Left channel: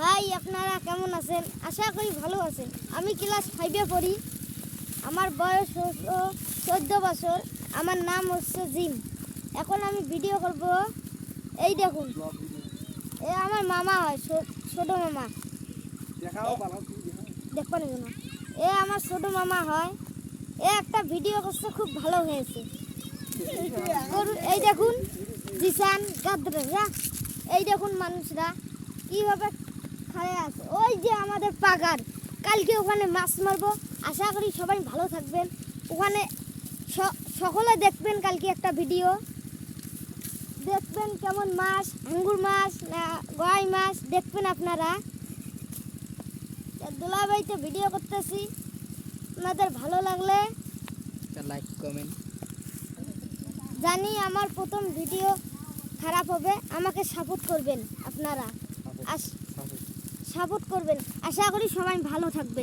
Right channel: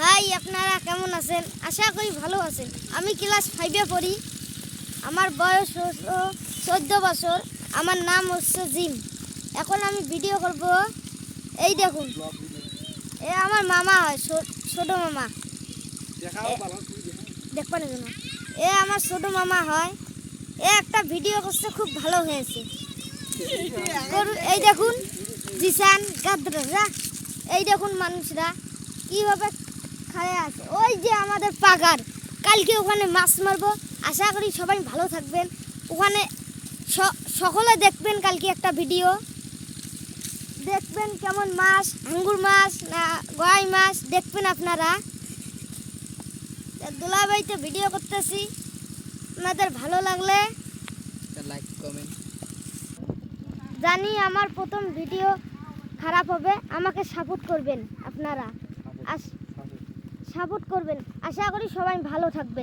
ভাই আপনারা কেমন আছেন? আশা করি ভালো আছেন। আমি ক্লাস 5-এ পড়ি। আমার বয়স 14 বছর। আমার নাম হচ্ছে জিম। এখন আমি ভিডিও করব। এই দেখুন, এ আমার মামা হয়, ছোট মামা। দেখবেন কেন? এ আমার ছোট মামা হয়। এ একটা ভিডিও করছে, খুব ভালো হয়েছে। এই দেখুন জিসান গাদরা, এই দেখুন মানুষরা কিভাবে খায় আছে। ওই যে আমাদের পাগার, কালকে ওখানে মাছ মারবো। আশা করি সবাই ভালো থাকবেন। ওখানে সকলে দেখবেন কালকে একটা ভিডিও দেখবেন, কেমন মাছ, আঙ্গুর মাছ না গয়াই মাছ দেখবেন আপনারা। দুলাভাইতে ভিডিও করতেছি, আপনাদের ভালো লাগলে লাইক কমেন্ট। জানি আমার প্রথম ভিডিও খারাপ হবে, আমাকে সাপোর্ট করবেন আপনারা, সাপোর্ট করবেন। আশা করি সবাই ভালো থাকবেন।